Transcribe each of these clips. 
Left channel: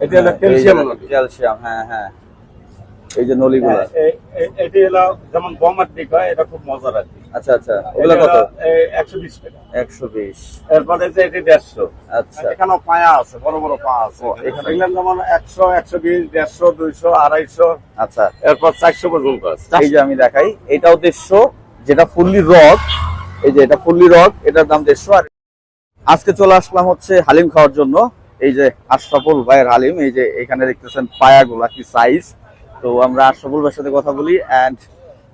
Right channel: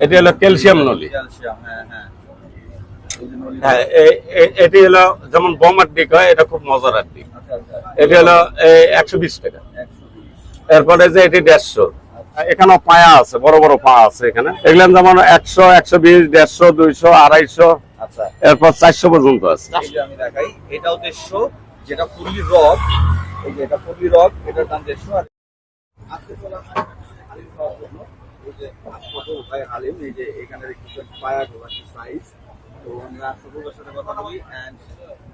এটি হলো ক্যালসিয়াম নলি। ক্যালসিয়াম হ্যাঁ হ্যাঁ। এই যে নলি হ্যাঁ এটি হলো যেমন বোমার দিক হয় এটা খুব মজার আর দিক আচ্ছা আচ্ছা। এটি হলো একশো বিশ টাকা। একশো বিশ। এরপরে যে এটি দেড়শো। আচ্ছা। এখানে পায়া আছে বড় বড় পা আছে এখানে। এগুলো যেমন একশো একশো বিশ দেড়শো দুইশো আড়াইশো। আচ্ছা। এরপর চারশো পর্যন্ত আছে। এই যে আমি দেখাই এটাও দেড়শো যেটা ফুললি রক এই যে এটা ফুললি রক এটার দাম দেড়শো। আর আজকে চলে আসলাম হচ্ছে হালিম খাওয়ার জন্য। এই যে আশরাফুল ভাইয়ের হালিম এই যে এখানে দেখতেছেন পায়াগুলা কি সাইজ তো আমরা আশরাফুল ভাইয়ের সাথে কথা বলি অ্যান্ড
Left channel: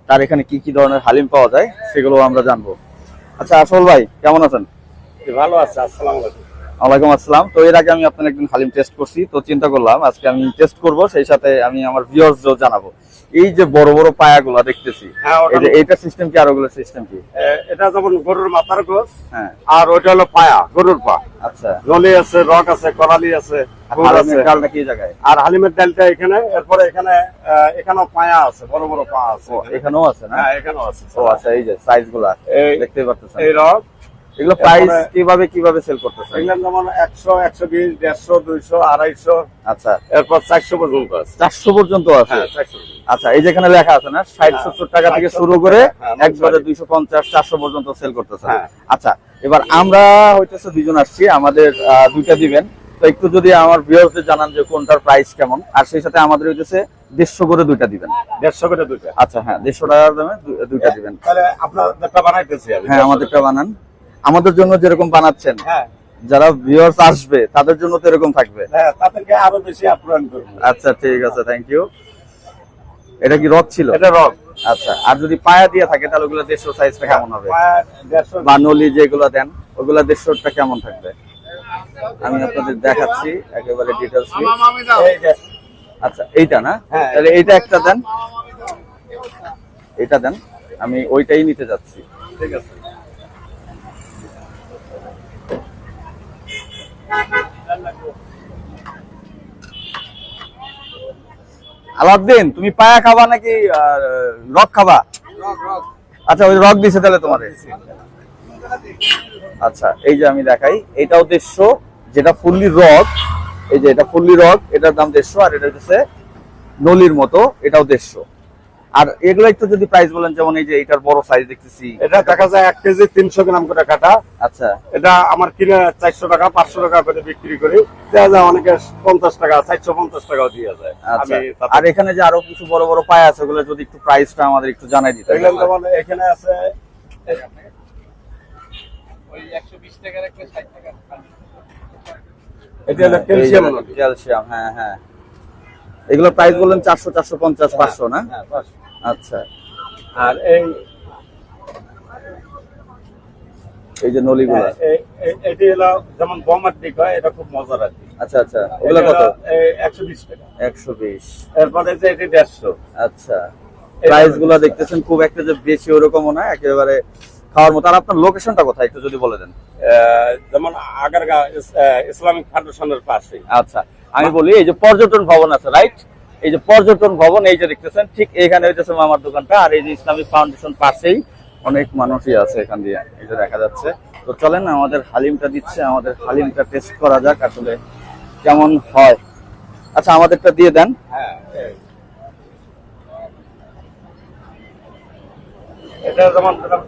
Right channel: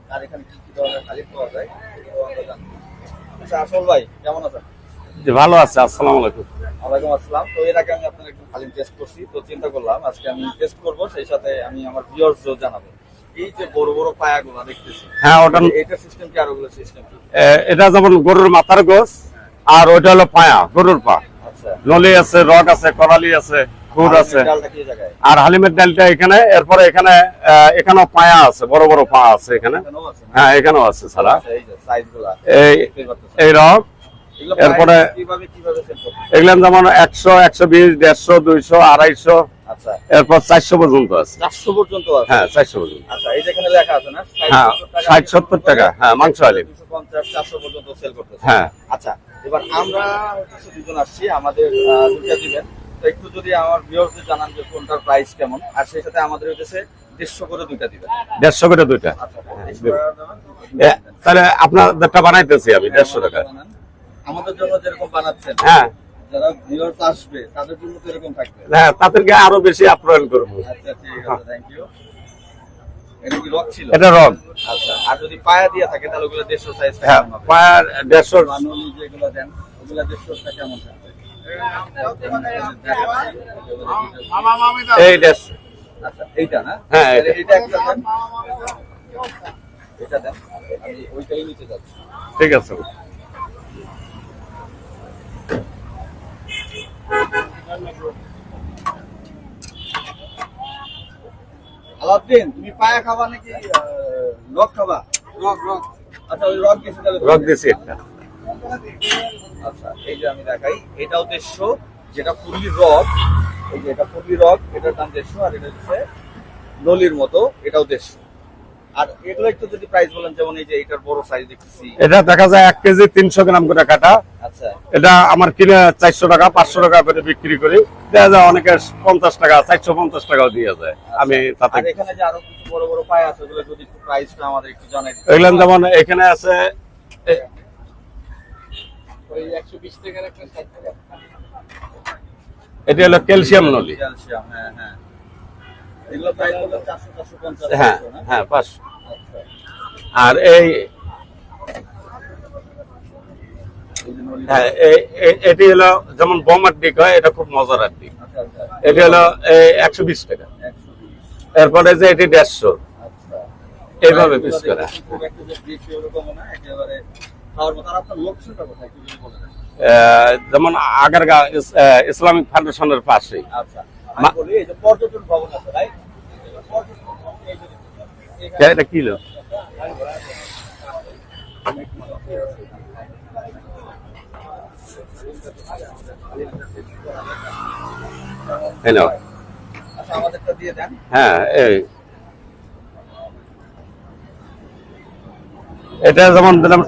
তার এখানে কি কি ধরনের হালিম পাওয়া যায় সেগুলো আমরা জানব। আচ্ছা আশরাফুল ভাই কেমন আছেন? ভালো আছে আসসালামু আলাইকুম। ওয়ালাইকুম আসসালাম। তো এর আগে আমি আপনার একদিন হালিম টেস্ট করছি তো চিন্তা করলাম আজকে আমি টেস্ট করব সেই সাথে আমি আমার ভিউয়ার্সদেরও জানাব। এই যে বড় বড় পায়াগুলা দেখতেছি হ্যাঁ ওটা এই সিস্টেম কি আর ওগুলোর সিস্টেম কি? এটা যেমন গরুর মাথার গোস হ্যাঁ। আর ওটা হলো পায়া গরুর পা। আচ্ছা। ললি আছে রক আছে করালি আছে আর হালিমের ডালটা কি জায়গায়? আর হালিমের ডালটা এখানে এরপরে এখানে এখানেও পায়া আছে বড় বড় পা আছে এখানে। এখানেও আছে হ্যাঁ এখানেও আছে আচ্ছা এই যে সাইজগুলা এই দেখতে এই রক এগুলো প্রাইস কীভাবে কীভাবে সেল এগুলো যেমন আচ্ছা। এরপর পর্যন্ত আছে। পর্যন্ত আছে? হ্যাঁ পর্যন্ত। আচ্ছা এই যেখানে লেখা আছে না ষাট হ্যাঁ, সত্তর টাকা থেকে শুরু করে হ্যাঁ, পর্যন্ত সেল করতেছে। হ্যাঁ। আচ্ছা এবার আমরা হইতেছে দুজন আসছি আমাদের দুইটা দিবেন। তো একটু যদি আমার ভিউয়ারদের জানান যে কোনটার প্রাইস কেমন আর সেই সাথে আমাদের হইতেছে দেড়শো করে দুইটা দিবেন। দেড়শো করে দুইটা। আচ্ছা হ্যাঁ দেড়শো টাকার দামে দুইটা দিবেন। তাহলে আপনাদেরটা বানাইতেছি আমি 150 আমাদেরটা বানান। আমাদের জন্য যেরকম বানাচ্ছেন হ্যাঁ। যারা ভিউয়ার্স আসবে তাদের জন্য তো এরকম থাকবে। হ্যাঁ তাদেরকে আরও বেশি আপ্যায়ন করব। আচ্ছা ঠিক আছে থ্যাংক ইউ এটা কি রক ছিল? এটা রং আচ্ছা আর যদি পায়া দিয়ে থাকে তাহলে ওগুলো দেড়শো সাইজটা হ্যাঁ, কেমন হবে? পায়ার দেড়শো। বানলি যেগুলো দেন ওগুলা দেড়শোটা কেমন থাকবে? আমি আপনাদের দেখাচ্ছি একেবারে ডিটেলস এই দেড়শো আচ্ছা এইটা না? হ্যাঁ, তাহলে এইটা একটা দেন। এটা দেন আমি ওইটাই নিতে যাচ্ছি। ঠিক আছে। আলাউদ্দিন তুমি পায়া খাবা নাকি রক খাবা? আচ্ছা ওই রক দিছে তাহলে রক দিছে। আচ্ছা এই যে আমি দেখাই এটাও দেড়শো যেটা ফুললি রক এই যে এটা ফুললি রক এটার দাম দেড়শো আর এটা হচ্ছে নলির মতো এটাও দেড়শো। আর এগুলো একটু যদি প্রাইস বলেন যেমন এই যে এটার বড় সাইজ দেখতেছি। এটা দেখা যায় এক কেজি তিনশো গ্রাম করে কাটা। আচ্ছা। এটা আমার কিনে চারশো টাকা পাঁচশো টাকা করে বিক্রি করি। দেওয়া যায় অনেকে পঞ্চাশ টাকা চারশো পঞ্চাশ টাকাও দিয়ে যায়। আমি আচ্ছা আর এখানে যে আরও কিছু বড় বড় পায় আছে ওগুলো যদি একটু প্রাইসটা আমাদের একটু জানাই দিতে এগুলো যেমন এখানে আছে এটি হলো ক্যালসিয়াম নলি। ক্যালসিয়াম হ্যাঁ হ্যাঁ। এগুলো প্রাইস বললেন চারশো চারশো পঞ্চাশ হ্যাঁ, পাঁচশো না? হ্যাঁ পাঁচশো। আচ্ছা। আর এই এই যে নলি হ্যাঁ, এটি হলো যেমন বোমার হয় এটা খুব মজার আচ্ছা আচ্ছা। এটি হলো একশো বিশ টাকা। একশো বিশ। এরপরে যে এটি দেড়শো। আচ্ছা। এইভাবে প্রাইসগুলো piece করা। দেখতেছেন খুব একটা যে বেশি ওরকমও না একেবারে খাওয়ার মতো। আর আপনার লোকেশনটা কোথায়? একটু যদি বলে দেন। আহ, যেমন আগারগা ইসলামিক ফাউন্ডেশনের পাশে আচ্ছা। আমি বলি এই যে পর্যটন ভবন আছে রাইট এই যে পর্যটন ভবন এই যে দেখতেছেন ঠিক এইখানে এটা দেখতেছেন আমার দোকানটা আর এই যে ইসলামিক ফাউন্ডেশন পাশেই অনেক মানুষই আছে এখান দিয়ে এই যে দেখা যাচ্ছে। তো চলেন আমাদের হালিমটা দিচ্ছে আমাদের হালিমটা টেস্ট করা যাক আসলে কেমন হয়। আচ্ছা আমাদেরটা দিয়ে দেন। হ্যাঁ এই। এটা যেমন দিলাম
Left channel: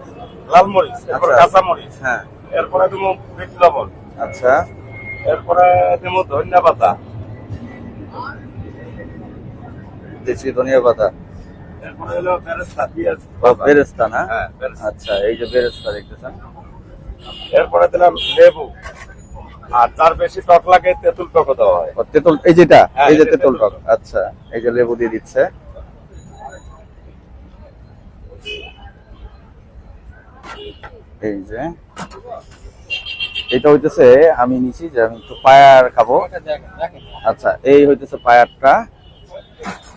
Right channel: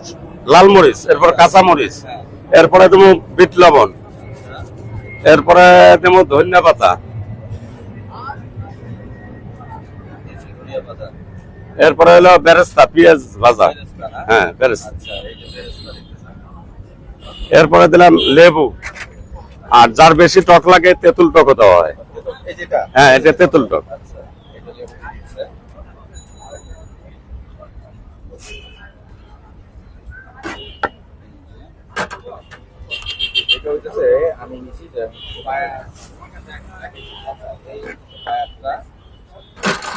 লাল মরিচ এরপর আচ্ছা। কাঁচা মরিচ হ্যাঁ। এরপরে দেবো বিট লবণ আচ্ছা। এরপরে দেবো ধনিয়া পাতা দেশি ধনিয়া পাতা। এরপরে হলো বেরেস্তা পেঁয়াজ ভাজা। বেরেস্তা না? হ্যাঁ বেরেস্তা। আচ্ছা এই যে বেরেস্তা দেখতেছেন। এরপরে দিলাম লেবু। আর যার বেশি টক লাগে তেঁতুল টক দেওয়া হয়। তেঁতুল এই যেটা? হ্যাঁ, এটা তেঁতুল। টক। আচ্ছা এই যে লেবু দিয়ে দিচ্ছে। এই যে এটা হইতেছে আমি নিছি যে আমি একটু পায়ার খাব। আচ্ছা এই হইতেছে পায়ারটা।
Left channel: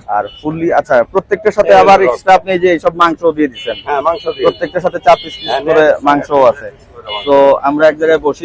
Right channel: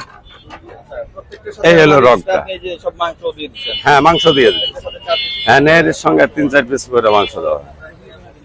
আর ফুললি আচ্ছা প্রত্যেকটার সাথে আবার। আপনি যে সব মাংস দিয়ে দিচ্ছেন হ্যাঁ মাংস দিয়ে। প্রত্যেকটার সাথে চার পিস হ্যাঁ এর সঙ্গে তিন চার পিস করে মাংস তো আমরা এক জায়গায় বসি